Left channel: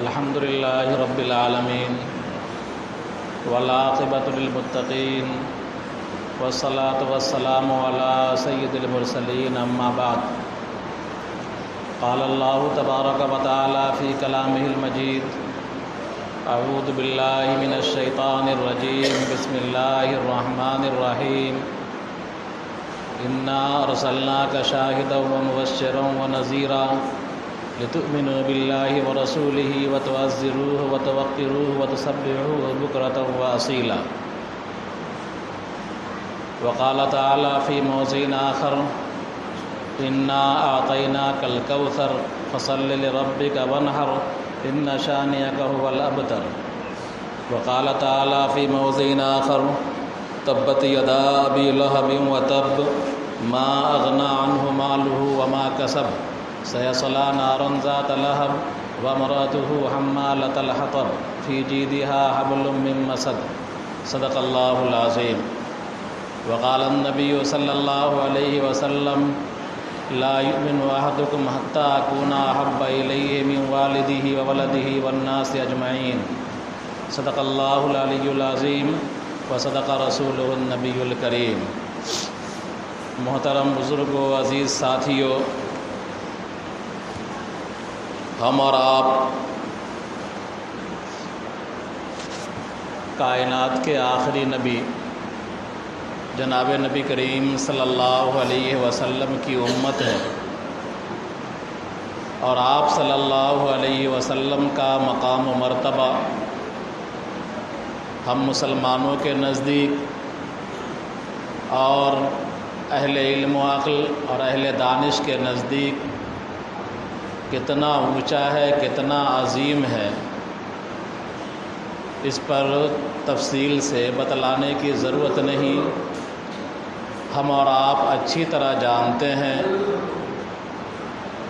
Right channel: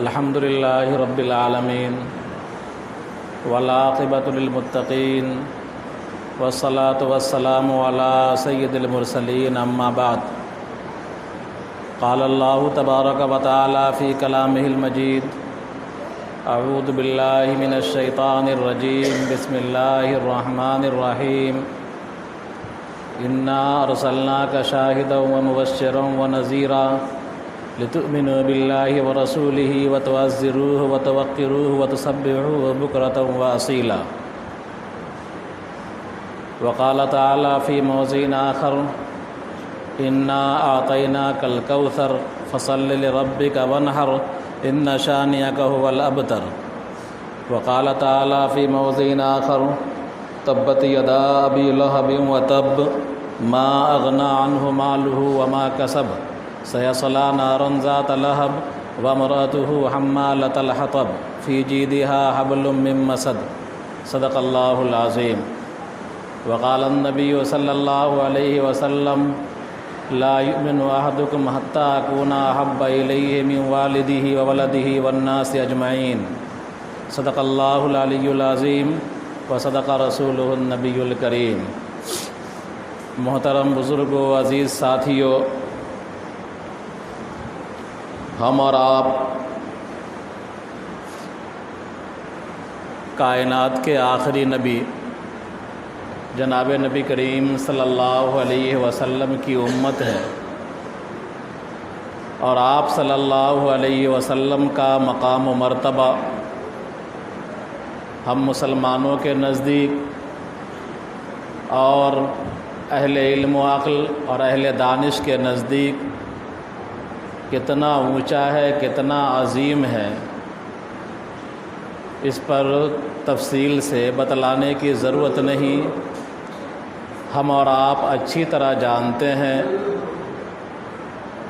الحمد للہ رب العالمین والعاقبۃ للمتقین والصلاة والسلام علی سید المرسلین اما بعد قال اللہ تبارک و تعالی فی کلامہ المجید اعوذ باللہ من الشیطان الرجیم بسم اللہ الرحمن الرحیم انا ارسلناک شاہدا ومبشرا ونذیرا لتؤمنوا باللہ ورسولہ وتعزروہ وتوقروہ وتسبحوہ بکرۃ واصیلا وقال تعالی فی موضع آخر انا اعطیناک الکوثر فصل لربک وانحر ان شانئک هو الابتر وقال تعالی فی موضع آخر تبت یدا ابی لہب وتب ما اغنی عنہ مالہ وما کسب سیصلی نارا ذات لہب وامرأتہ حمالۃ الحطب فی جیدها حبل من مسد صدق اللہ العظیم وقال النبی صلی اللہ علیہ وسلم لا یؤمن احدکم حتی اکون احب الیہ من والدہ وولدہ والناس اجمعین صدق اللہ العلی العظیم وصدق رسولہ النبی الکریم۔ محترم بزرگوں، عزیز ساتھیوں، ہم اور آپ کائنات کے آخری نبی جناب نبی کریم صلی اللہ علیہ وسلم کی امت ہے، اور آپ صلی اللہ علیہ وسلم کا مقام و مرتبہ ہم مسلمانوں کے نزدیک اور اہل علم و عقل اور اہل دانش کے نزدیک کتنا اونچا ہے، کتنا عظیم ہے، اس پر تفصیل سے بتلانے کی ضرورت نہیں۔ ہم اور آپ اچھی طرح جانتے ہیں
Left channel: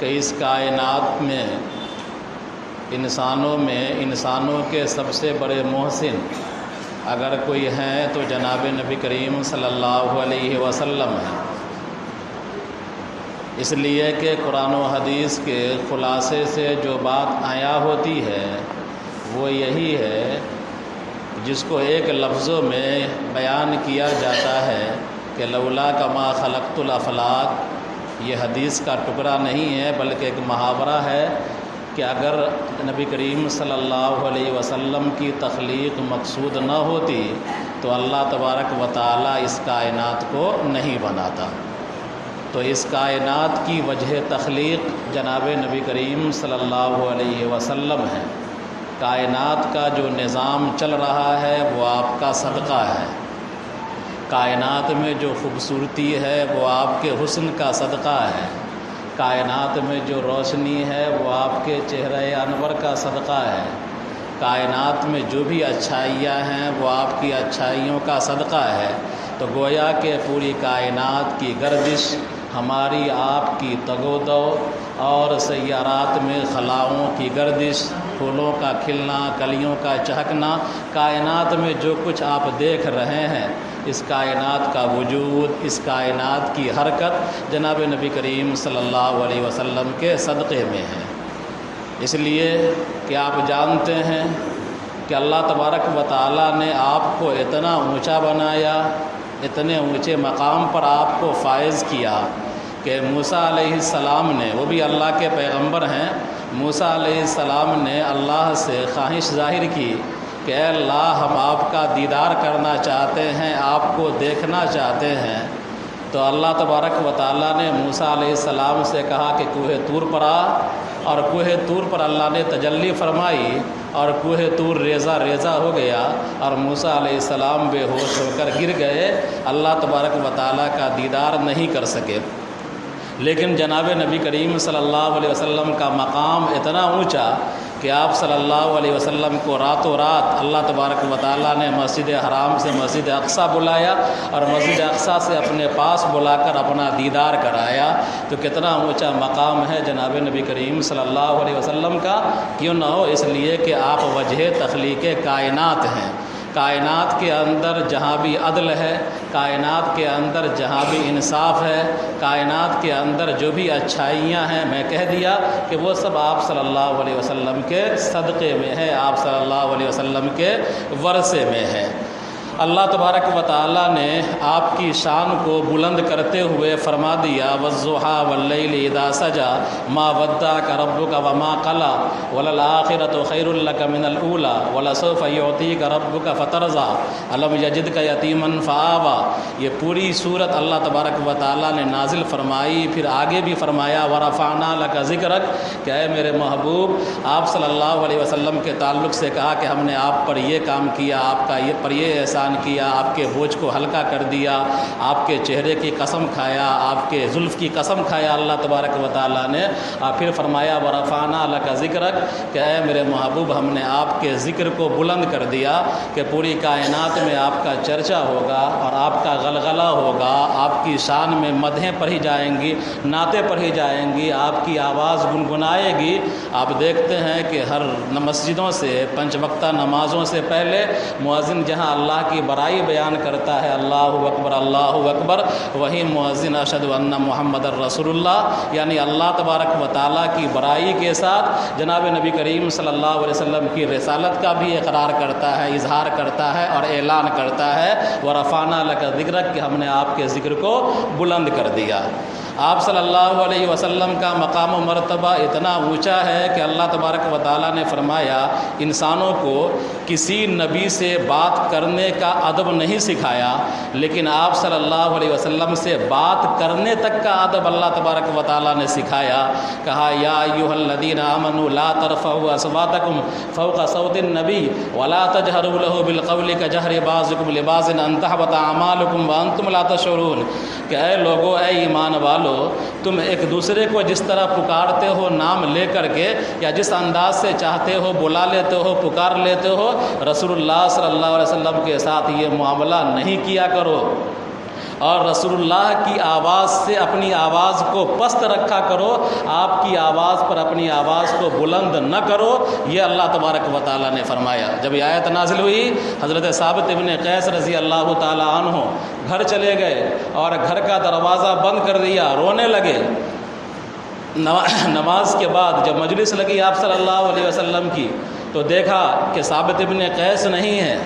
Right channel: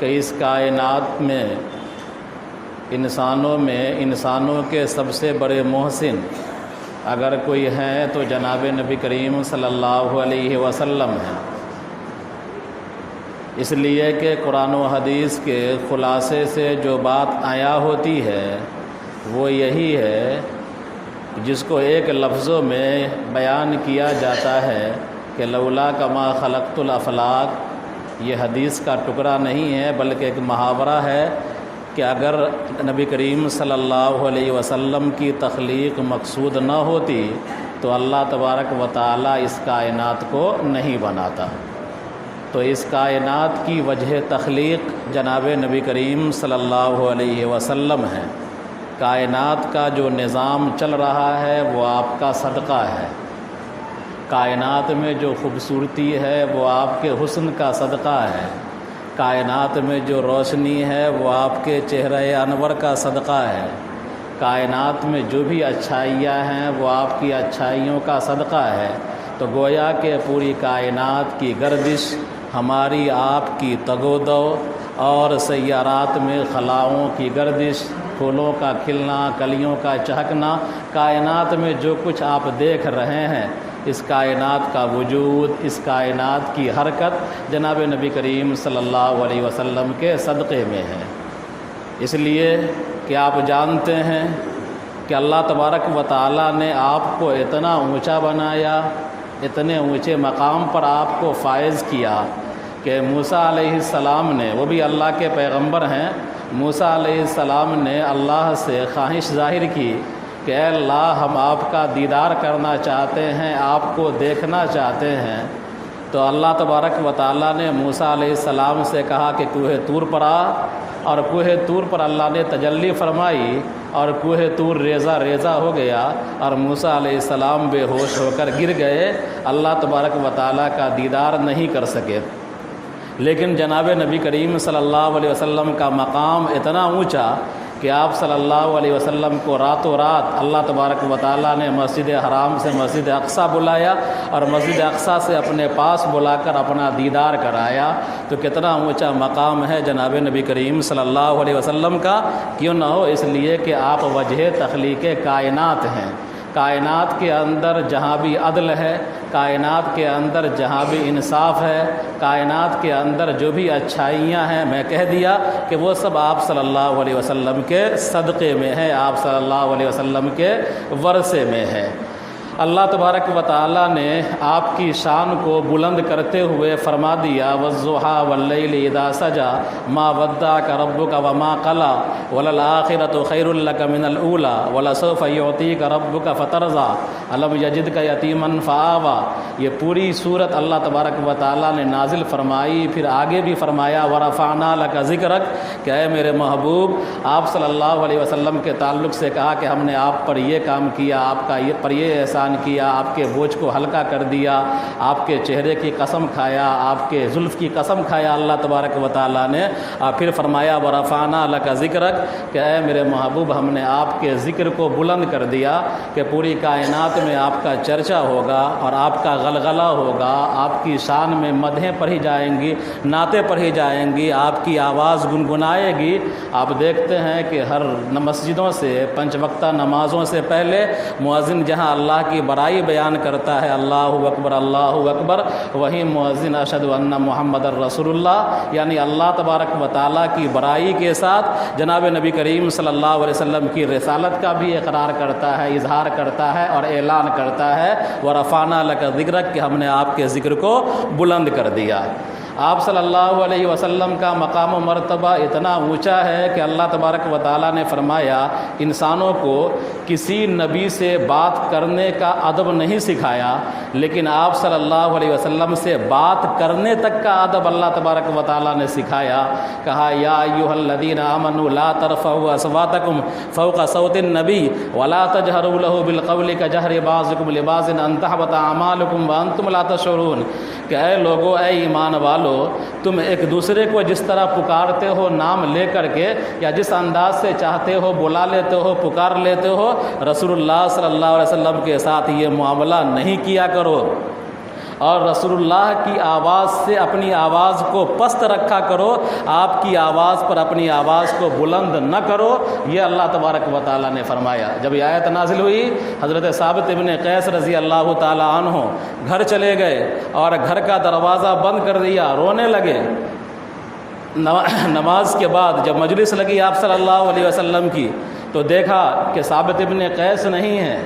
کہ اس کائنات میں انسانوں کے سب سے بڑے محسن اگر کوئی ہیں تو جناب نبی کریم صلی اللہ علیہ وسلم ہیں، اس لیے کہ قرآن و حدیث کے خلاصے سے جو بات آیا ہوتی ہے وہ یہی ہے جس کو ایک لفظوں میں بیان کیا جاتا ہے کہ لولا کما خلقت الافلاق۔ یہ حدیث کا ٹکڑا نہیں ہے بلکہ ایک محاورہ ہے کہ اگر نبی کریم صلی اللہ علیہ وسلم کی تخلیق مقصود نہ ہوتی تو اللہ تبارک و تعالی اس کائنات کو نہیں بناتا۔ تو اس کائنات کی وجہ تخلیق جناب نبی کریم صلی اللہ علیہ وسلم ہے۔ کائنات کا جو نظام چل رہا ہے وہ آپ کا صدقہ ہے، کائنات میں جو خوبصورتی ہے وہ آپ کے حسن کا صدقہ ہے، کائنات میں جو روشنی ہے وہ آپ کے چہرہ انور کا صدقہ ہے، کائنات میں جو بھی اچھائیاں ہیں وہ آپ کی اچھائیوں کا صدقہ ہے۔ تو گویا کہ پوری کائنات کی گردش، ہماری آپ کی تگ و دو، اور سیارات میں خلاؤں کی گردش، پھولوں کا کھلنا، کلیوں کا چہکنا، کائنات میں جو کچھ آپ دیکھ رہے ہیں، اس کائنات کا وجود، اس کائنات کی حرکت جناب نبی کریم صلی اللہ علیہ وسلم کے صدقے میں ہے۔ اس لیے کہ آپ جانتے ہیں کہ اللہ تبارک و تعالیٰ نے آپ کو اتنا اونچا بنایا، اتنے اونچے مقام پر آپ کو فائز کیا کہ موسیٰ علیہ السلام نے، وہ بھی اللہ کے پیغمبر ہیں، موسیٰ علیہ السلام نے اللہ سے خواہش ظاہر کی کہ اے اللہ، ہم آپ کا دیدار کرنا چاہتے ہیں، آپ کو دیکھنا چاہتے ہیں۔ تو اللہ تبارک و تعالیٰ نے موسیٰ علیہ السلام سے کہا کہ کوہ طور پر آ، اور کوہ طور پر اللہ نے تجلی فرمائی اور کوہ طور ریزہ ریزہ ہو گیا اور موسیٰ علیہ السلام بے ہوش ہو کر گر گئے، اللہ تبارک و تعالیٰ کا دیدار نہیں کر سکے۔ لیکن جناب نبی کریم صلی اللہ علیہ وسلم کا مقام اتنا اونچا کہ آپ صلی اللہ علیہ وسلم کو راتوں رات اللہ تبارک و تعالیٰ نے مسجد حرام سے مسجد اقصیٰ بلایا اور مسجد اقصیٰ سے اپنے پاس بلا کر اپنا دیدار کرایا۔ تو کتنا اونچا مقام ہے جناب نبی کریم صلی اللہ علیہ وسلم کا، کیوں نہ ہو، اس لیے کہ آپ وجہ تخلیق کائنات ہیں۔ کائنات کے اندر جہاں بھی عدل ہے، کائنات کے اندر جہاں بھی انصاف ہے، کائنات کے اندر جو بھی اچھائیاں ہیں، میں کہہ دیا کہ وہ سب آپ صلی اللہ علیہ وسلم کے صدقے میں ہے، آپ صلی اللہ علیہ وسلم کے ورثے میں ہے۔ اللہ تبارک و تعالیٰ نے آپ کی شان کو بلند کرتے ہوئے فرما دیا وَالضُّحَىٰ وَاللَّيْلِ إِذَا سَجَىٰ مَا وَدَّعَكَ رَبُّكَ وَمَا قَلَىٰ وَلَلْآخِرَةُ خَيْرٌ لَكَ مِنَ الْأُولَىٰ وَلَسَوْفَ يُعْطِيكَ رَبُّكَ فَتَرْضَىٰ أَلَمْ يَجِدْكَ يَتِيمًا فَآوَىٰ۔ یہ پوری صورت اللہ تبارک و تعالیٰ نے نازل فرمائی، پھر آگے بھی فرمایا وَرَفَعْنَا لَكَ ذِكْرَكَ کہ اے میرے محبوب، آپ صلی اللہ علیہ وسلم کے تعلق سے کہا کہ ہم نے آپ پر یہ کام کیا، آپ کا یہ پر یہ احسان کیا، آپ کے بوجھ کو ہلکا کر دیا، آپ کے چہرے کی قسم کھایا، آپ کے زلف کی قسم کھایا اللہ تبارک و تعالیٰ نے، اور پھر فرمایا وَرَفَعْنَا لَكَ ذِكْرَكَ کہ اے میرے محبوب ہم نے آپ کے ذکر کو بلند کر دیا کہ پوری کائنات میں آپ کا چرچا ہوگا اور آپ کا غلغلہ ہوگا، آپ کی شان میں مدحیں پڑھی جائیں گی، نعتیں پڑھی جائیں گی، آپ کی آواز گنگنائے گی۔ آپ دیکھتے ہیں کہ ہر مسجدوں سے 5 وقتہ نمازوں سے پہلے مؤذن جہاں اللہ کی برائی بیان کرتا ہے اللہ اکبر اللہ اکبر، وہی مؤذن اشہد ان محمد الرسول اللہ، یعنی اللہ تبارک و تعالیٰ کی برائی کے ساتھ جناب نبی کریم صلی اللہ علیہ وسلم کی رسالت کا بھی اقرار کرتا ہے، اظہار کرتا ہے اور اعلان کرتا ہے وَرَفَعْنَا لَكَ ذِكْرَكَ کہ ہم نے آپ کے ذکر کو بلند کر دیا۔ آپ صلی اللہ علیہ وسلم کا مقام و مرتبہ اتنا اونچا ہے کہ اللہ تبارک و تعالیٰ نے فرمایا انسانوں کو کسی نبی سے بات کرنے کا ادب نہیں سکھایا، لیکن آپ صلی اللہ علیہ وسلم سے بات کرنے تک کا ادب اللہ تبارک و تعالیٰ نے سکھایا۔ کہا یا ایھا الذین آمنوا لا ترفعوا اصواتکم فوق صوت النبی ولا تجہروا له بالقول کجہر بعضکم لبعض ان تحبط اعمالکم وانتم لا تشعرون کہ اے لوگو، اے ایمان والو، تم ایک دوسرے کو جس طرح پکارتے ہو نام لے کر کے، یا جس انداز سے چاہتے ہو بلا لیتے ہو، پکار لیتے ہو، رسول اللہ صلی اللہ علیہ وسلم کے ساتھ یہ معاملہ نہیں کیا کرو، اور رسول اللہ کی آواز سے اپنی آواز کو پست رکھا کرو، آپ کی آواز پر اپنی آواز کو بلند نہ کرو، یہ اللہ تبارک و تعالیٰ نے فرمایا۔ جب یہ آیت نازل ہوئی، حضرت ثابت ابن قیس رضی اللہ تعالیٰ عنہ گھر چلے گئے اور گھر کا دروازہ بند کر دیا، رونے لگے۔ نماز کے بعد جب مجلس لگی آپ صلی اللہ علیہ وسلم کی تو دیکھا کہ ثابت ابن قیس نہیں ہے،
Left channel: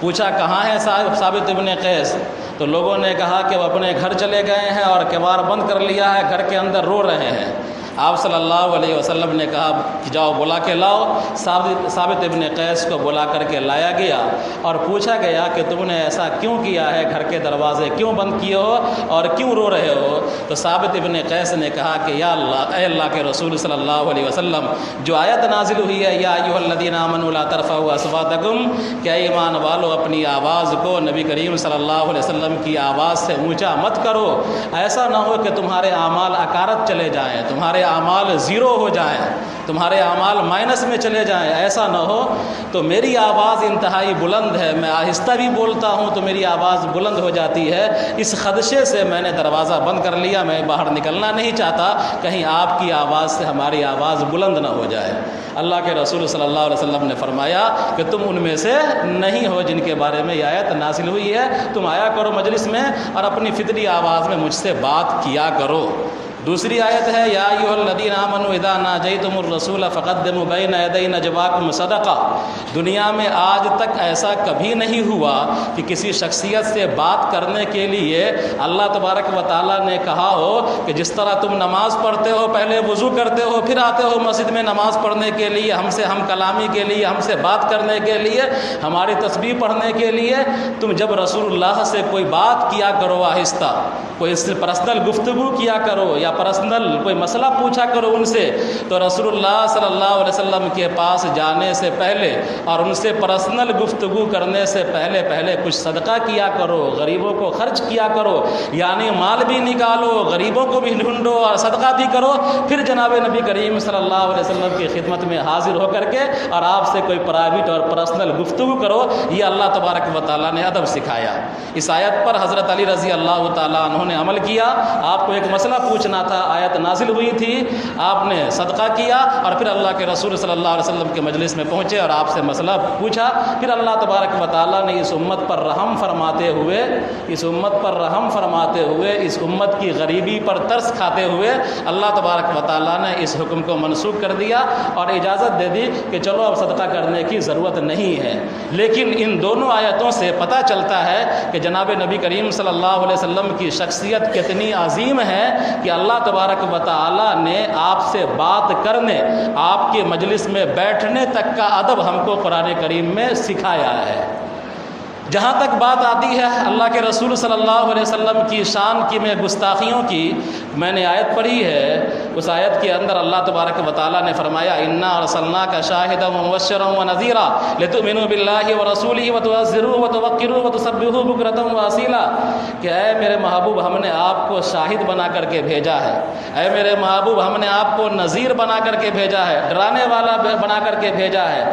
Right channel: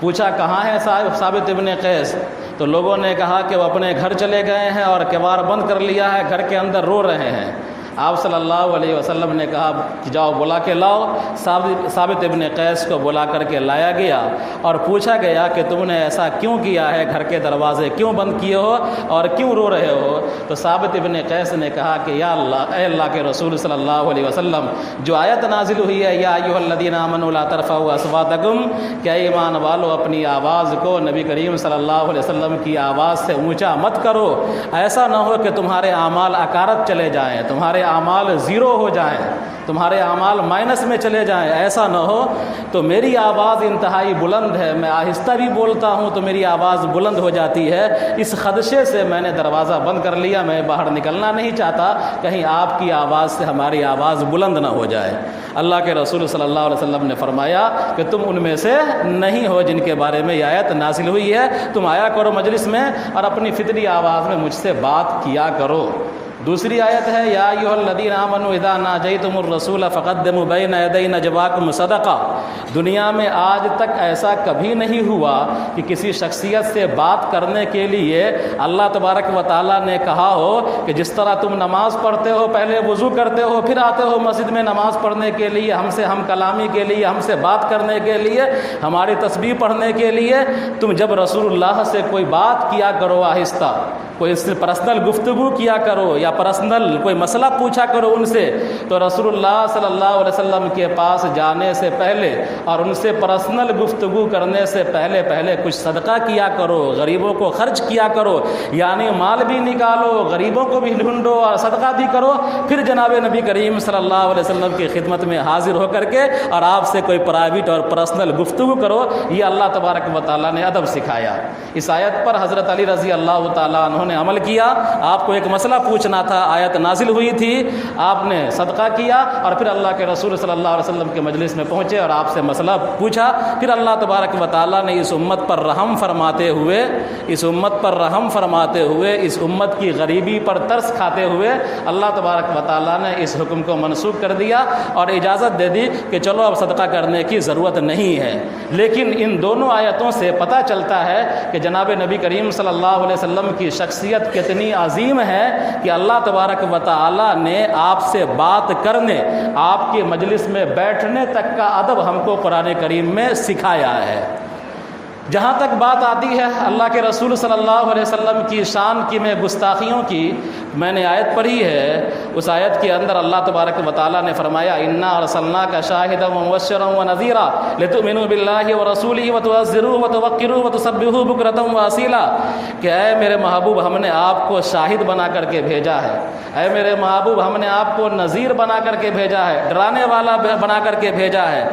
پوچھا کہاں ہے ثابت ابن قیس؟ تو لوگوں نے کہا کہ وہ اپنے گھر چلے گئے ہیں اور کیوار بند کر لیا ہے، گھر کے اندر رو رہے ہیں۔ آپ صلی اللہ علیہ وسلم نے کہا کہ جاؤ بلا کے لاؤ۔ ثابت ابن قیس کو بلا کر کے لایا گیا اور پوچھا گیا کہ تم نے ایسا کیوں کیا ہے، گھر کے دروازے کیوں بند کیے ہو اور کیوں رو رہے ہو؟ تو ثابت ابن قیس نے کہا کہ یا اللہ، اے اللہ کے رسول صلی اللہ علیہ وسلم، جو آیت نازل ہوئی ہے یا ایھا الذین آمنوا لا ترفعوا اصواتکم کہ ایمان والو اپنی آواز کو نبی کریم صلی اللہ علیہ وسلم کی آواز سے اونچا مت کرو، ایسا نہ ہو کہ تمہارے اعمال اکارت چلے جائیں، تمہارے اعمال زیرو ہو جائیں، تمہارے اعمال مائنس میں چلے جائیں، ایسا نہ ہو۔ تو میری آواز انتہائی بلند ہے، میں آہستہ بھی بولتا ہوں تو میری آواز بلند ہو جاتی ہے، اس خدشے سے میں نے دروازہ بند کر لیا، میں باہر نکلنا نہیں چاہتا، کہیں آپ کی آواز سے ہماری آواز بلند نہ ہو جائے۔ اللہ کے رسول صلی اللہ علیہ وسلم نے فرمایا کہ تم ان میں سے نہیں ہو جن کے بارے میں یہ آیت نازل ہوئی ہے، تم آیا کرو مجلس میں اور اپنی فطری آواز میں مجھ سے بات کیا کرو۔ دوسری آیت ہے یا ایھا الذین آمنوا اذا ناجیتم الرسول فقدموا بین یدی نجواکم صدقہ۔ دنیا میں آج تک ایسا کبھی نہیں ہوا کہ کسی شخصیت سے بات کرنے کے لیے اللہ تبارک و تعالیٰ نے کہا ہو کہ جس طرح تم نماز پڑھتے ہو، پہلے وضو کرتے ہو، پھر آتے ہو مسجد میں نماز پڑھنے کے لیے، ہم کلامی کے لیے، ہم سے بات کرنے کے لیے، ہماری تسبیح پڑھنے کے لیے، تم جب رسول اللہ سے کوئی بات کیا کرو آہستہ، کوئی اس سے پرسنل گفتگو کیا کرو یا پرسنل کوئی مسئلہ پوچھا کرو ان سے، تو رسول اللہ صلی اللہ علیہ وسلم کے پاس جانے سے پہلے اور ان سے پرسنل گفتگو کرنے سے پہلے کچھ صدقہ کیا کرو، غریبوں کو خرچ کیا کرو، یعنی مال بھی نکالو، غریبوں کو بھی ڈھونڈو اور صدقہ بھی کرو، پھر جناب نبی کریم صلی اللہ علیہ وسلم کی خدمت میں حاضر ہو کر کے اور آپ سے کوئی پرائیویٹ اور پرسنل گفتگو کرو۔ یہ اللہ تبارک و تعالیٰ نے ادب سکھایا۔ اس آیت پر حضرت علی رضی اللہ تعالیٰ عنہ نے عمل کیا، آپ کو ایک مسئلہ پوچھنا تھا، آیت نازل ہوئی تھی، آپ نے صدقہ کیا اور پھر اللہ کے رسول صلی اللہ علیہ وسلم کے مجلس میں پہنچے اور آپ سے مسئلہ پوچھا، پھر اللہ تبارک و تعالیٰ نے اس امت پر رحم فرماتے ہوئے اس امت کی غریبی پر ترس کھاتے ہوئے اللہ تبارک و تعالیٰ نے اس حکم کو منسوخ کر دیا اور اجازت دے دی کہ چلو اب صدقہ کرنے کی ضرورت نہیں ہے۔ لیکن ان دونوں آیتوں سے پتہ چلتا ہے کہ جناب نبی کریم صلی اللہ علیہ وسلم کی شخصیت کتنی عظیم ہے کہ اللہ تبارک و تعالیٰ نے آپ سے بات کرنے، آپ کے مجلس میں بیٹھنے تک کا ادب ہم کو قرآن کریم میں سکھایا ہے۔ جہاں تک بات آتی ہے اللہ کے رسول صلی اللہ علیہ وسلم کی شان کی میں گستاخیوں کی، میں نے آیت پڑھی ہے، اس آیت کے اندر اللہ تبارک و تعالیٰ نے فرمایا انا ارسلناک شاہدا ومبشرا ونذیرا لتؤمنوا باللہ ورسولہ وتعزروہ وتوقروہ وتسبحوہ بکرۃ واصیلا، کہ اے میرے محبوب ہم نے آپ کو شاہد بنا کر کے بھیجا ہے، اے میرے محبوب ہم نے آپ کو نذیر بنا کر کے بھیجا ہے، ڈرانے والا بنا کر کے بھیجا ہے،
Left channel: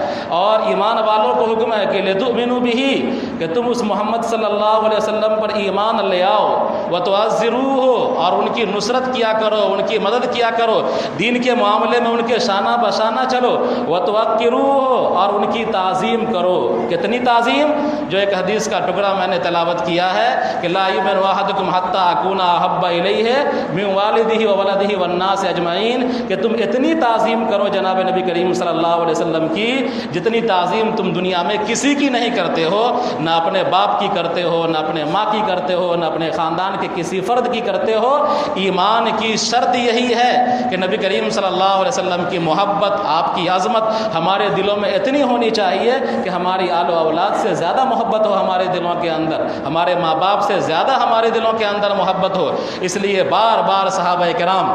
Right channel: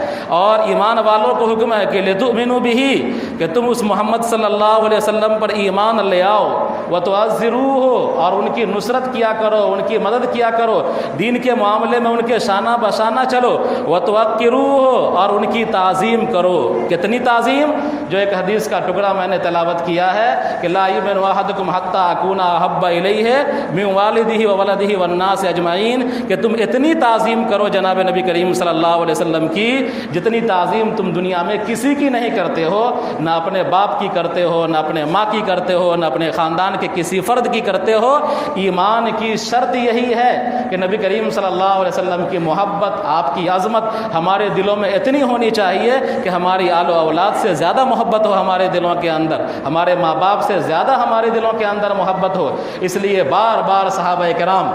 اور ایمان والوں کو حکم ہے کہ لتؤمنوا بہ، کہ تم اس محمد صلی اللہ علیہ وسلم پر ایمان لے آؤ، وتعزروہ، اور ان کی نصرت کیا کرو، ان کی مدد کیا کرو، دین کے معاملے میں ان کے شانہ بشانہ چلو، وتوقروہ، اور ان کی تعظیم کرو۔ کتنی تعظیم؟ جو ایک حدیث کا ٹکڑا میں نے تلاوت کیا ہے کہ لا یؤمن احدکم حتی اکون احب الیہ من والدہ وولدہ والناس اجمعین، کہ تم اتنی تعظیم کرو جناب نبی کریم صلی اللہ علیہ وسلم کی جتنی تعظیم تم دنیا میں کسی کی نہیں کرتے ہو، نہ اپنے باپ کی کرتے ہو، نہ اپنے ماں کی کرتے ہو، نہ اپنے خاندان کے کسی فرد کی کرتے ہو۔ ایمان کی شرط یہی ہے کہ نبی کریم صلی اللہ علیہ وسلم کی محبت، آپ کی عظمت ہمارے دلوں میں اتنی ہونی چاہیے کہ ہماری آل و اولاد سے زیادہ محبت ہو ہمارے دلوں کے اندر، ہمارے ماں باپ سے زیادہ ہمارے دلوں کے اندر محبت ہو۔ اس لیے بار بار صحابہ کرام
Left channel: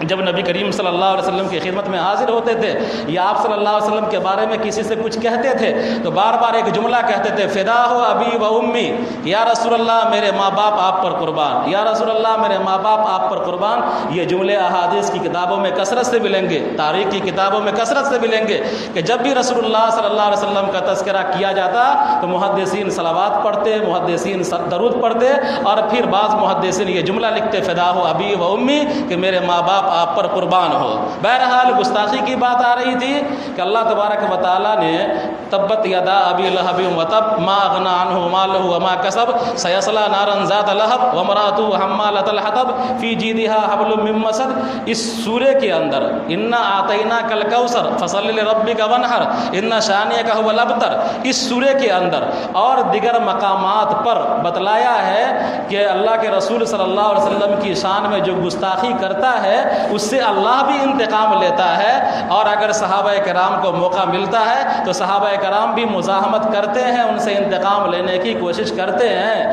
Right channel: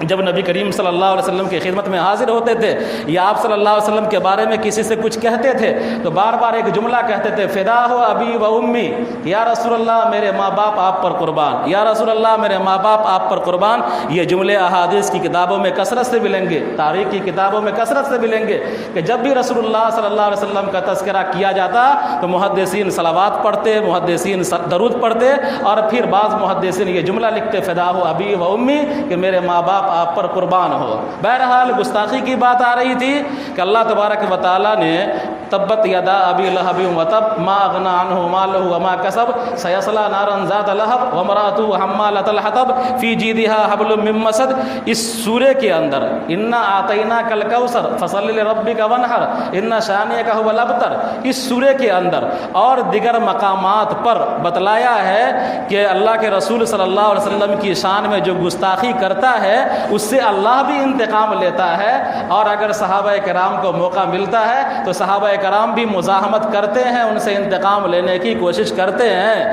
جب نبی کریم صلی اللہ علیہ وسلم کی خدمت میں حاضر ہوتے تھے یا آپ صلی اللہ علیہ وسلم کے بارے میں کسی سے کچھ کہتے تھے تو بار بار ایک جملہ کہتے تھے، فدا ہو ابی و امی، یا رسول اللہ میرے ماں باپ آپ پر قربان، یا رسول اللہ میرے ماں باپ آپ پر قربان۔ یہ جملے احادیث کی کتابوں میں کثرت سے ملیں گے، تاریخ کی کتابوں میں کثرت سے ملیں گے کہ جب بھی رسول اللہ صلی اللہ علیہ وسلم کا تذکرہ کیا جاتا تو محدثین صلوات پڑھتے، محدثین درود پڑھتے، اور پھر بعض محدثین یہ جملہ لکھتے، فدا ہو ابی و امی، کہ میرے ماں باپ آپ پر قربان ہو۔ بہرحال گستاخی کی بات آ رہی تھی کہ اللہ تبارک و تعالیٰ نے تبت یدا ابی لہب وتب ما اغنی عنہ مالہ وما کسب سیصلی نارا ذات لہب وامرأتہ حمالۃ الحطب فی جیدہا حبل من مسد، اس سورے کے اندر انا اعطیناک الکوثر فصل لربک وانحر ان شانئک هو الابتر، اس سورے کے اندر اور دیگر مقامات پر بتلایا ہے کہ اللہ کے رسول صلی اللہ علیہ وسلم کی شان میں جو گستاخی کرتا ہے اس سے اللہ بھی انتقام لیتا ہے، اور اگر صحابہ کرام کو موقع ملتا ہے تو صحابہ کرام بھی مزاحمت کرتے ہیں، ان سے انتقام لینے کی کوشش کرتے ہیں۔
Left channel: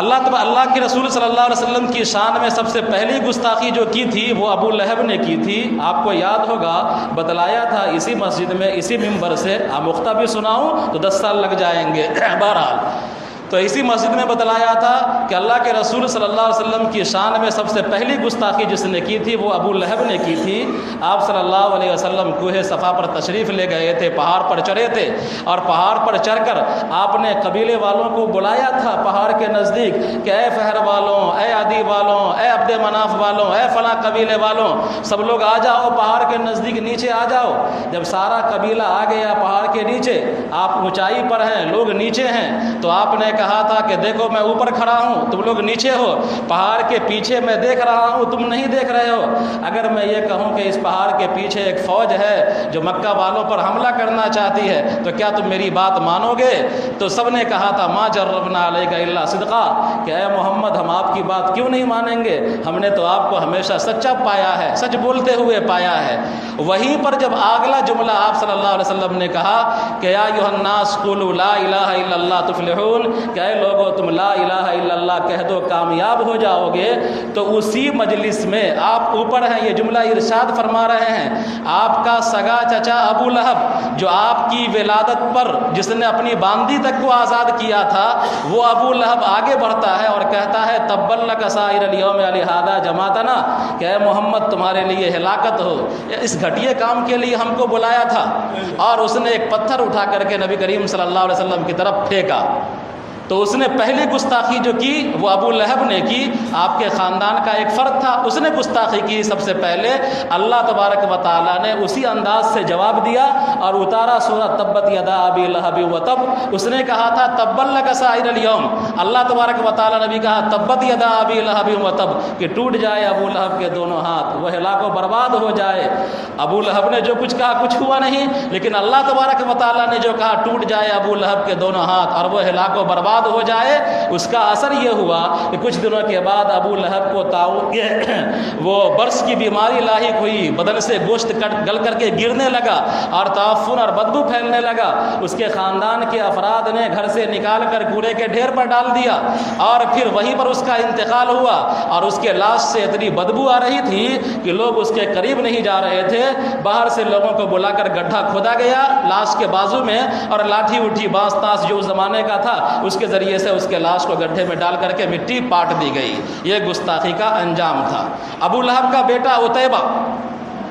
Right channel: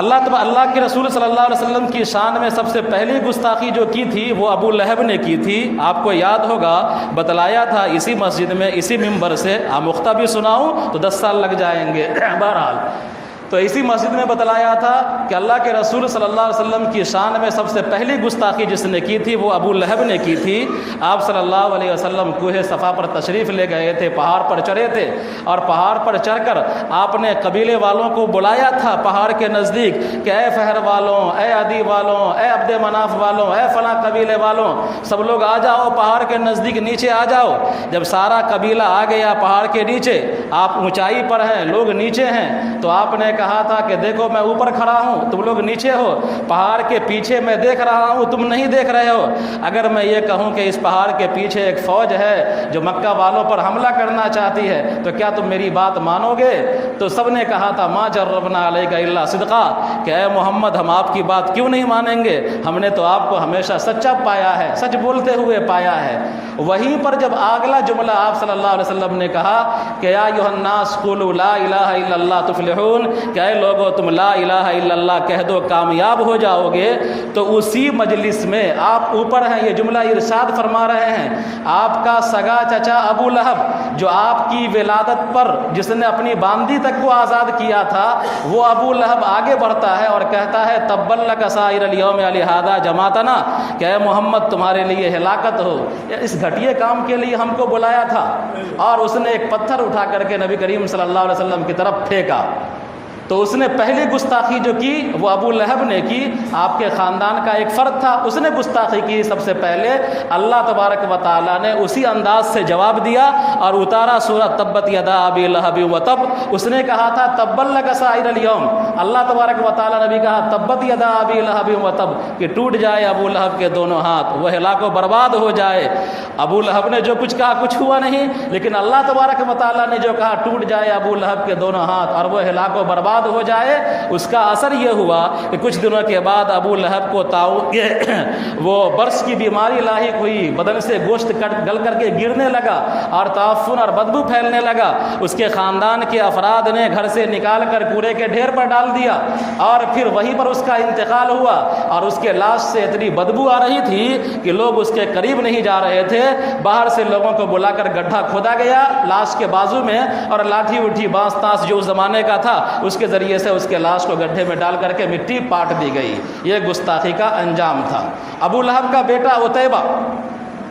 اللہ کے رسول صلی اللہ علیہ وسلم کی شان میں سب سے پہلی گستاخی جو کی تھی وہ ابو لہب نے کی تھی۔ آپ کو یاد ہوگا بتلایا تھا اسی مسجد میں اسی ممبر سے، آمختہ بھی سناؤں تو 10 سال لگ جائیں گے، بہرحال تو اسی مسجد میں بتلایا تھا کہ اللہ کے رسول صلی اللہ علیہ وسلم کی شان میں سب سے پہلی گستاخی جس نے کی تھی وہ ابو لہب نے کی تھی۔ آپ صلی اللہ علیہ وسلم کوہ صفا پر تشریف لے گئے تھے، پہاڑ پر چڑھے تھے، اور پہاڑ پر چڑھ کر آپ نے قبیلے والوں کو بلایا تھا پہاڑ کے نزدیک کہ اے فہر والوں، اے عدی والوں، اے عبد مناف والوں، اے فلاں قبیلے والوں، سب لوگ آ جاؤ پہاڑ کے نزدیک، نیچے آ جاؤ۔ جب سارا قبیلہ آ گیا پہاڑ کے نیچے، آپ اونچائی پر ہیں، لوگ نیچے ہیں، تو آپ نے کہا تھا کہ دیکھو میں اوپر کھڑا ہوں، تم لوگ نیچے ہو، پہاڑ کے پیچھے میں دیکھ رہا ہوں، تم نہیں دیکھ رہے ہو۔ اگر میں یہ کہوں کہ اس پہاڑ کے پیچھے ایک فوج ہے جو مکہ والوں پر حملہ کرنا چاہتی ہے تو کیا تم میری بات مانو گے؟ تو سب نے کہا تھا ما جربنا علیک الا صدقا، کہ اے محمد ہم آپ کی بات کیوں نہیں مانیں گے، ہم نے تو آپ کو ہمیشہ سچا پایا ہے، سچ بولتے ہوئے پایا ہے۔ وہیں پر جب اگلا جملہ آپ صلی اللہ علیہ وسلم نے کہا کہ یا ایھا الناس قولوا لا الہ الا اللہ تفلحون، کہ اے لوگو تم لا الہ الا اللہ کہہ دو کامیاب ہو جاؤ گے، تو اسی مجلس میں آپ اوپر ہیں، یہ جملہ ارشاد فرما رہے ہیں، آپ کا سگا چچا ابو لہب جو آپ کی ولادت پر جس نے اپنی باندی تک کو آزاد کیا تھا، وہ ابو لہب آگے بڑھتا ہے اور کہتا ہے تبا لک سائر الیوم لہذا جماعتنا، کہ اے محمد تمہارے لیے ہلاکت ہو، اس گھٹیے کام کے لیے ہم کو بلایا تھا۔ اور اس نے ایک پتھر اٹھا کر کے نبی کریم صلی اللہ علیہ وسلم کی طرف پھینکا، تو اس نے پہلی گستاخی جو کی وہ ابو لہب نے کی، آپ کے خاندان کا ایک فرد تھا، اس نے گستاخی کی سب سے پہلے۔ اللہ تبارک و تعالیٰ نے اسی انداز سے جواب دیا اور اتارا سورہ تبت یدا ابی لہب وتب۔ اس نے کہا تھا تبا لک سائر الیوم، اللہ تبارک و تعالیٰ نے بھی کہا تبت یدا ابی لہب وتب، کہ ٹوٹ جائے ابو لہب کے دونوں ہاتھ، وہ ہلاک و برباد ہو جائے۔ ابو لہب نے جو کچھ کہا کچھ ہوا نہیں، لیکن اللہ تبارک و تعالیٰ نے جو کہا ٹوٹ جائے ابو لہب کے دونوں ہاتھ اور وہ ہلاک و برباد ہو جائے، اس کا اثر یہ ہوا کہ کچھ دنوں کے بعد ابو لہب کو وہ برس کی بیماری لاحق ہوئی، بدن سے گوشت گل کر کے گرنے لگا اور تعفن اور بدبو پھیلنے لگا۔ اس کے خاندان کے افراد نے گھر سے نکال کر کوڑے کے ڈھیر پر ڈال دیا اور پھر وہیں پر اس کا انتقال ہوا، اور اس کے لاش سے اتنی بدبو آ رہی تھی کہ لوگ اس کے قریب نہیں جا رہے تھے۔ باہر سے لوگوں کو بلا کر گڈھا کھودا گیا لاش کے بازو میں، اور لاٹھی اٹھی باز تاس جو اس زمانے کا تھا اس کے ذریعے سے اس کے لاش کو گڈھے میں ڈال کر کے مٹی پاٹ دی گئی۔ یہ گستاخی کا انجام تھا۔ ابو لہب کا بیٹا عتیبہ،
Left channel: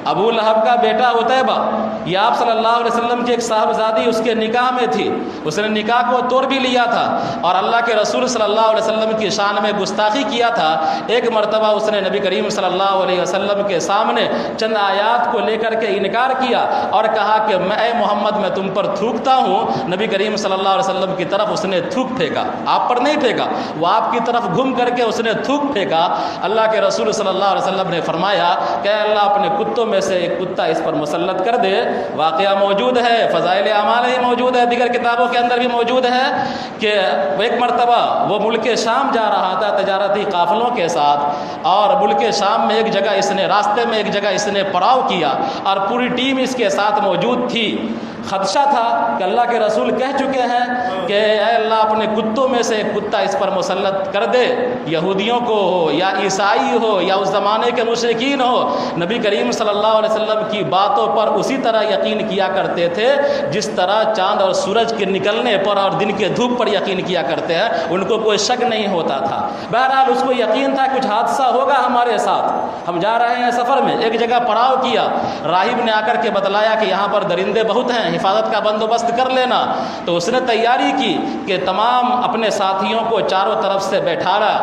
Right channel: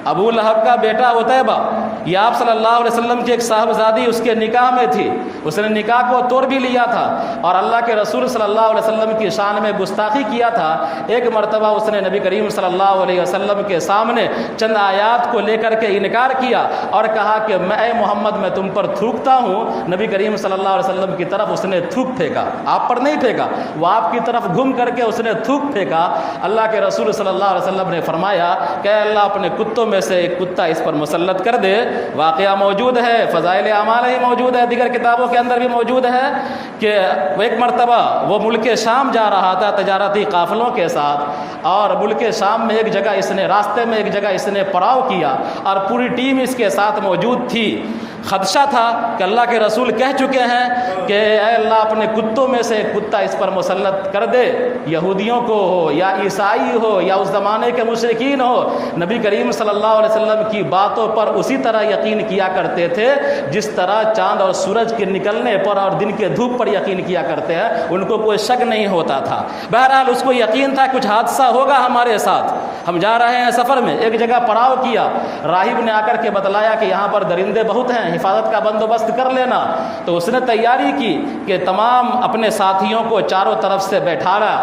ابو لہب کا بیٹا عتیبہ، یہ آپ صلی اللہ علیہ وسلم کی ایک صاحبزادی اس کے نکاح میں تھی، اس نے نکاح کو توڑ بھی لیا تھا اور اللہ کے رسول صلی اللہ علیہ وسلم کی شان میں گستاخی کیا تھا۔ ایک مرتبہ اس نے نبی کریم صلی اللہ علیہ وسلم کے سامنے چند آیات کو لے کر کے انکار کیا اور کہا کہ اے محمد میں تم پر تھوکتا ہوں۔ نبی کریم صلی اللہ علیہ وسلم کی طرف اس نے تھوک پھینکا، آپ پر نہیں پھینکا، وہ آپ کی طرف گھوم کر کے اس نے تھوک پھینکا۔ اللہ کے رسول صلی اللہ علیہ وسلم نے فرمایا کہ اللہ اپنے کتوں میں سے ایک کتا اس پر مسلط کر دے۔ واقعہ موجود ہے، فضائل اعمال میں موجود ہے، دیگر کتابوں کے اندر بھی موجود ہے کہ ایک مرتبہ وہ ملک شام جا رہا تھا تجارتی قافلوں کے ساتھ، اور ملک شام میں ایک جگہ اس نے راستے میں ایک جگہ اس نے پڑاؤ کیا اور پوری ٹیم اس کے ساتھ موجود تھی۔ خدشہ تھا کہ اللہ کے رسول کہہ چکے ہیں کہ اے اللہ اپنے کتوں میں سے کتا اس پر مسلط کر دے، یہودیوں کو ہو یا عیسائی ہو یا اس زمانے کے مشرکین ہو۔ نبی کریم صلی اللہ علیہ وسلم کی باتوں پر اسی طرح یقین کیا کرتے تھے جس طرح چاند اور سورج کے نکلنے پر اور دن کے دھوپ پر یقین کیا کرتے ہیں، ان کو کوئی شک نہیں ہوتا تھا۔ بہرحال اس کو یقین تھا کچھ حادثہ ہوگا ہمارے ساتھ، ہم جا رہے ہیں سفر میں، ایک جگہ پڑاؤ کیا، راہب نے آ کر کے بتلایا کہ یہاں پر درندے بہت ہیں، حفاظت کا بندوبست کر لینا۔ تو اس نے تیاری کی کہ تمام اپنے ساتھیوں کو چاروں طرف سے بیٹھایا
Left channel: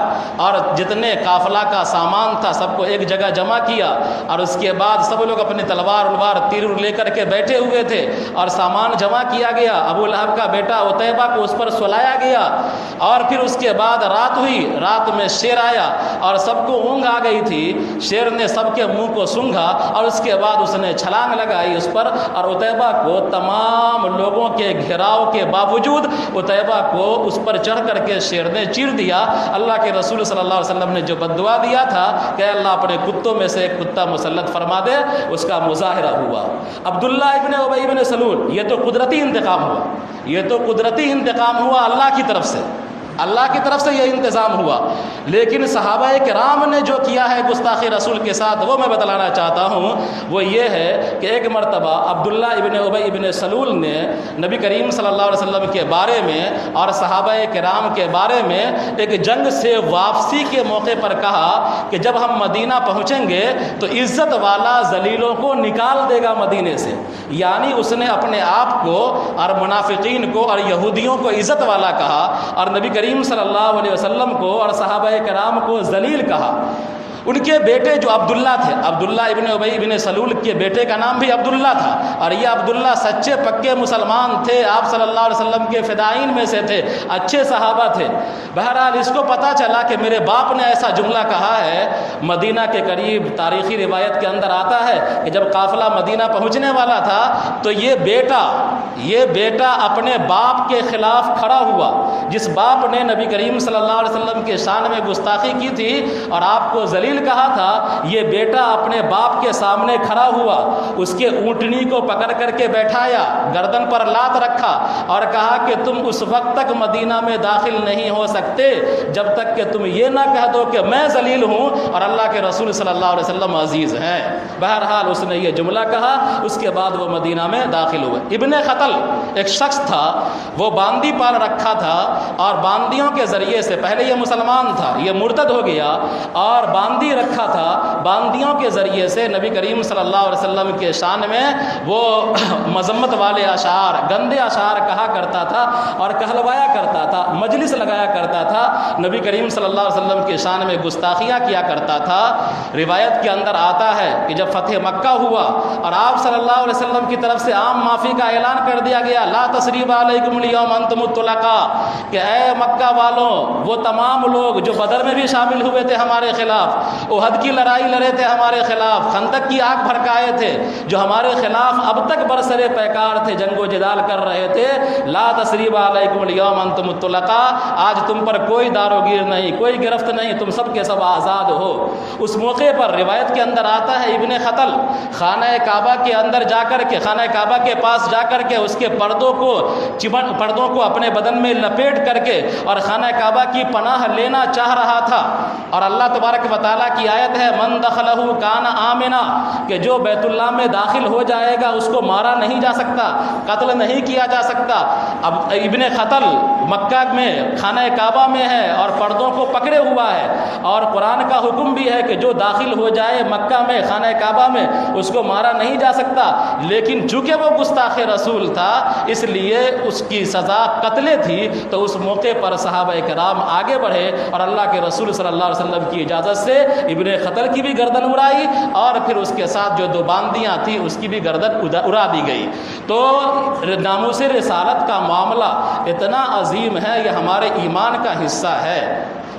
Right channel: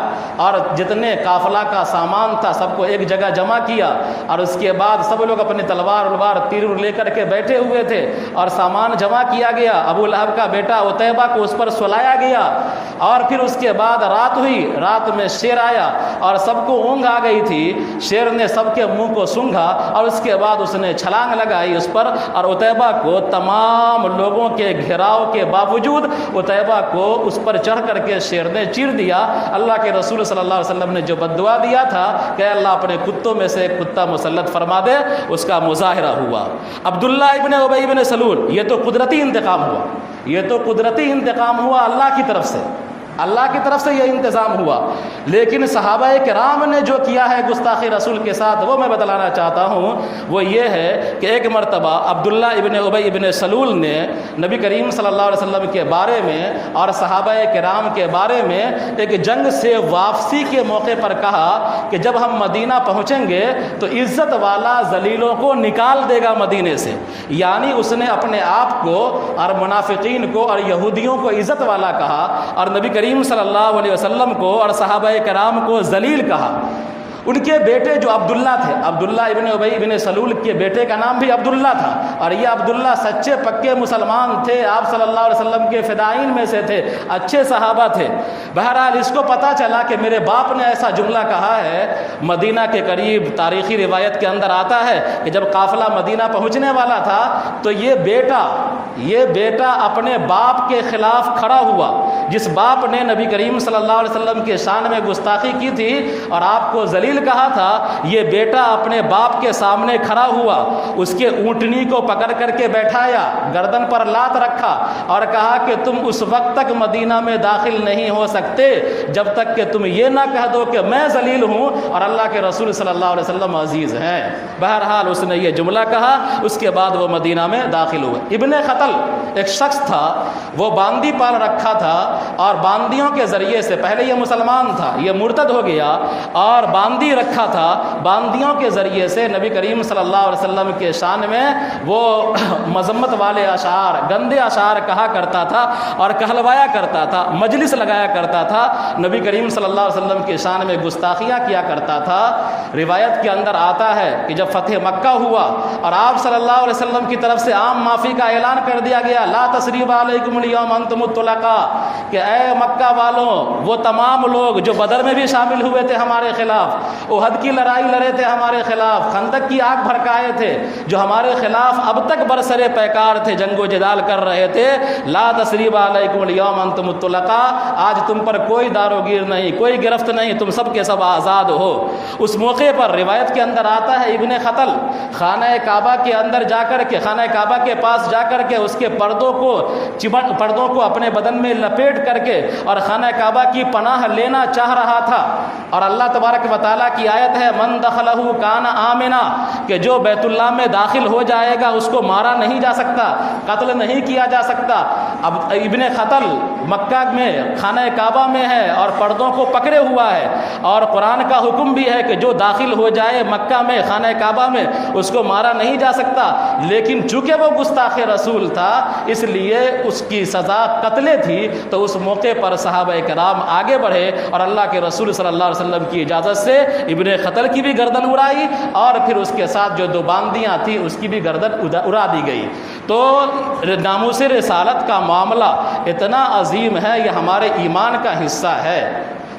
اور جتنے قافلہ کا سامان تھا سب کو ایک جگہ جمع کیا، اور اس کے بعد سب لوگ اپنی تلوار تیر لے کر کے بیٹھے ہوئے تھے اور سامان جمع کیا گیا۔ ابو لہب کا بیٹا عتیبہ کو اس پر سلایا گیا، اور پھر اس کے بعد رات ہوئی، رات میں شیر آیا اور سب کو اونگ آ گئی تھی۔ شیر نے سب کے منہ کو سونگھا اور اس کے بعد اس نے چھلانگ لگائی اس پر، اور عتیبہ کو تمام لوگوں کے گھیراؤ کے باوجود عتیبہ کو اس پر چڑھ کر کے شیر نے چیر دیا۔ اللہ کے رسول صلی اللہ علیہ وسلم نے جو بددعا دیا تھا کہ اللہ اپنے کتوں میں سے ایک کتا مسلط فرما دے، اس کا مظاہرہ ہوا۔ عبداللہ ابن ابی ابن سلول، یہ تو قدرتی انتقام ہوا، یہ تو قدرتی انتقام ہوا اللہ کی طرف سے، اللہ کی طرف سے یہ انتظام ہوا۔ لیکن صحابہ کرام نے جو کیا ہے گستاخی رسول کے ساتھ، وہ میں بتلانا چاہتا ہوں۔ وہ یہ ہے کہ ایک مرتبہ عبداللہ ابن ابی ابن سلول نے نبی کریم صلی اللہ علیہ وسلم کے بارے میں اور صحابہ کرام کے بارے میں ایک جنگ سے واپسی کے موقع پر کہا کہ جب ہم مدینہ پہنچیں گے تو عزت والا ذلیلوں کو نکال دے گا مدینے سے، یعنی اس نے اپنے آپ کو اور منافقین کو اور یہودیوں کو عزت والا کہا، اور نبی کریم صلی اللہ علیہ وسلم کو اور صحابہ کرام کو ذلیل کہا۔ ان کے بیٹے جو عبداللہ تھے، عبداللہ ابن ابی ابن سلول کے بیٹے کا نام بھی عبداللہ تھا، اور یہ عبداللہ سچے پکے مسلمان تھے، آپ صلی اللہ علیہ وسلم کے فدائین میں سے تھے، اچھے صحابہ تھے۔ بہرحال اس کو پتہ چلا کہ میرے باپ نے ایسا جملہ کہا ہے۔ مدینہ کے قریب تاریخی روایت کے اندر آتا ہے کہ جب قافلہ مدینہ پہنچنے والا تھا تو یہ بیٹا اپنے باپ کے خلاف کھڑا ہوا، جس باپ نے نبی کریم صلی اللہ علیہ وسلم کے شان میں گستاخی کی تھی اور آپ کو ذلیل کہا تھا۔ یہ بیٹا اپنے باپ کے سامنے کھڑا ہوا، اس کے اونٹنی کو پکڑ کر کے بیٹھایا، گردن پر لات رکھا اور کہا کہ تم اس وقت تک مدینہ میں داخل نہیں ہو سکتے جب تک کہ تم یہ نہ کہہ دو کہ میں ذلیل ہوں اور اللہ کے رسول صلی اللہ علیہ وسلم عزیز ہیں۔ بہرحال اس نے یہ جملہ کہا، اس کے بعد وہ مدینہ میں داخل ہوئے۔ ابن خطل قتل ایک شخص تھا، وہ باندی پال رکھا تھا اور باندیوں کے ذریعے سے، پہلے یہ مسلمان تھا، یہ مرتد ہو گیا اور باندی رکھا تھا، باندیوں کے ذریعے سے نبی کریم صلی اللہ علیہ وسلم کے شان میں وہ مذمت والے اشعار، گندے اشعار کہا کرتا تھا اور کہلوایا کرتا تھا، مجلس لگایا کرتا تھا، نبی کریم صلی اللہ علیہ وسلم کے شان میں گستاخیاں کیا کرتا تھا۔ روایت کے اندر آتا ہے کہ جب فتح مکہ ہوا اور آپ صلی اللہ علیہ وسلم کی طرف سے عام معافی کا اعلان کر دیا گیا، لا تثریب علیکم اليوم انتم الطلقاء، کہ اے مکہ والوں، وہ تمام لوگ جو بدر میں بھی شامل ہوئے تھے ہمارے خلاف، احد کی لڑائی لڑے تھے ہمارے خلاف، خندق کی آگ بھڑکائے تھے، جو ہمارے خلاف اب تک برسرے پیکار تھے، جنگ و جدال کر رہے تھے، لا تثریب علیکم اليوم انتم الطلقاء، آج تم پر کوئی دار و گیر نہیں، کوئی گرفت نہیں، تم سب کے سب آزاد ہو۔ اس موقع پر روایت کے اندر آتا ہے ابن خطل خانہ کعبہ کے اندر جا کر کے، خانہ کعبہ کے پاس جا کر کے اس کے پردوں کو اپنے بدن میں لپیٹ کر کے اور خانہ کعبہ کی پناہ لینا چاہ رہا تھا، اور اللہ تبارک و تعالیٰ کی آیت ہے من دخلہ کان آمنا، کہ جو بیت اللہ میں داخل ہو جائے گا اس کو مارا نہیں جا سکتا، قتل نہیں کیا جا سکتا۔ اب ابن خطل مکہ میں خانہ کعبہ میں ہے اور پردوں کو پکڑے ہوا ہے، اور قرآن کا حکم بھی ہے کہ جو داخل ہو جائے مکہ میں خانہ کعبہ میں اس کو مارا نہیں جا سکتا، لیکن چونکہ وہ گستاخ رسول تھا اس لیے اس کی سزا قتل تھی۔ تو اس موقع پر صحابہ کرام آگے بڑھے اور اللہ کے رسول صلی اللہ علیہ وسلم کی اجازت سے ابن خطل کی بھی گردن اڑائی اور پھر اس کے ساتھ جو دو باندیاں تھیں اس کی بھی گردن اڑا دی گئی۔ تو ناموس رسالت کا معاملہ اتنا عظیم ہے، یہ ہمارے ایمان کا حصہ ہے۔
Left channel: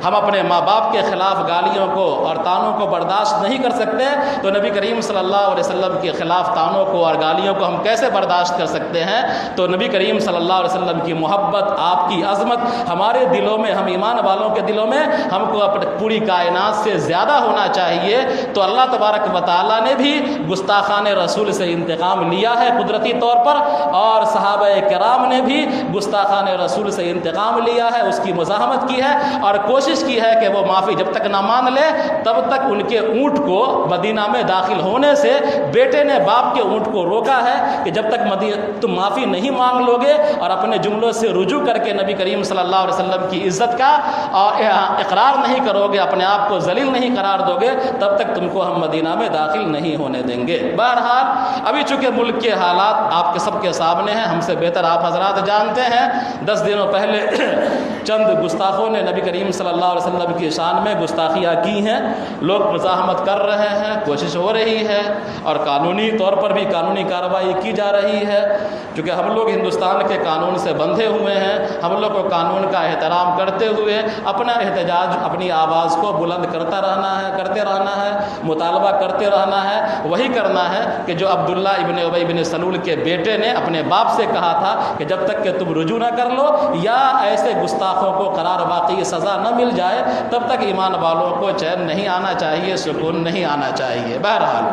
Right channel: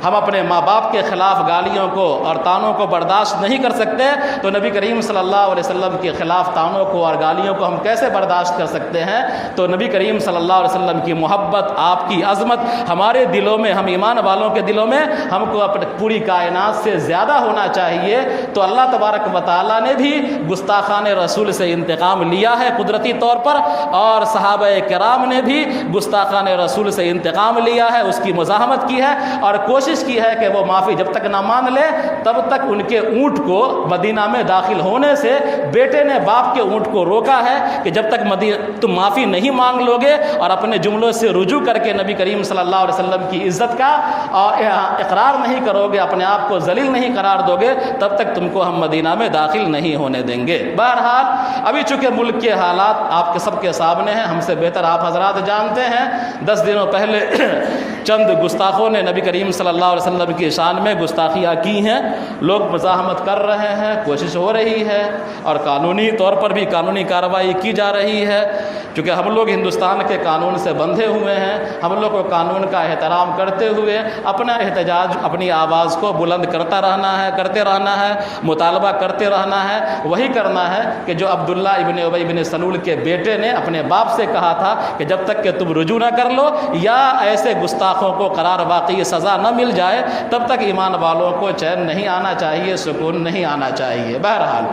ہم اپنے ماں باپ کے خلاف گالیوں کو اور طعنوں کو برداشت نہیں کر سکتے، تو نبی کریم صلی اللہ علیہ وسلم کے خلاف طعنوں کو اور گالیوں کو ہم کیسے برداشت کر سکتے ہیں؟ تو نبی کریم صلی اللہ علیہ وسلم کی محبت، آپ کی عظمت ہمارے دلوں میں، ہم ایمان والوں کے دلوں میں ہم کو اپنے پوری کائنات سے زیادہ ہونا چاہیے۔ تو اللہ تبارک و تعالیٰ نے بھی گستاخان رسول سے انتقام لیا ہے قدرتی طور پر، اور صحابہ کرام نے بھی گستاخان رسول سے انتقام لیا ہے، اس کی مزاحمت کی ہے اور کوشش کی ہے کہ وہ معافی جب تک نہ مان لے تب تک ان کے اونٹ کو مدینہ میں داخل ہونے سے، بیٹے نے باپ کے اونٹ کو روکا ہے کہ جب تک تم معافی نہیں مانگ لو گے اور اپنے جملوں سے رجوع کر کے نبی کریم صلی اللہ علیہ وسلم کی عزت کا اقرار نہیں کرو گے، اپنے آپ کو ذلیل نہیں قرار دو گے، تب تک تم کو ہم مدینہ میں داخل نہیں ہونے دیں گے۔ بہرحال ابھی چونکہ ملک کے حالات آپ کے سب کے سامنے ہیں، ہم سے بہتر آپ حضرات جانتے ہیں۔ 10 دنوں پہلے چند گستاخوں نے نبی کریم صلی اللہ علیہ وسلم کی شان میں گستاخیاں کی ہیں، لوگ مزاحمت کر رہے ہیں، کوشش ہو رہی ہے اور قانونی طور پر بھی قانونی کارروائی کی جا رہی ہے، کیونکہ ہم لوگ ہندوستان کے قانون سے بندھے ہوئے ہیں۔ ہم لوگ کو قانون کا احترام کرتے ہوئے اپنا احتجاج، اپنی آواز کو بلند کرتے رہنا ہے، مطالبہ کرتے رہنا ہے۔ وہی کرنا ہے کہ جو عبداللہ ابن ابی بن سلول کے بیٹے نے اپنے باپ سے کہا تھا کہ جب تک کہ تم رجوع نہ کر لو یا ایسے گستاخوں کو قرار واقعی سزا نہ مل جائے تب تک ایمان والوں کو چین نہیں آنا چاہیے، سکون نہیں آنا چاہیے۔ بہرحال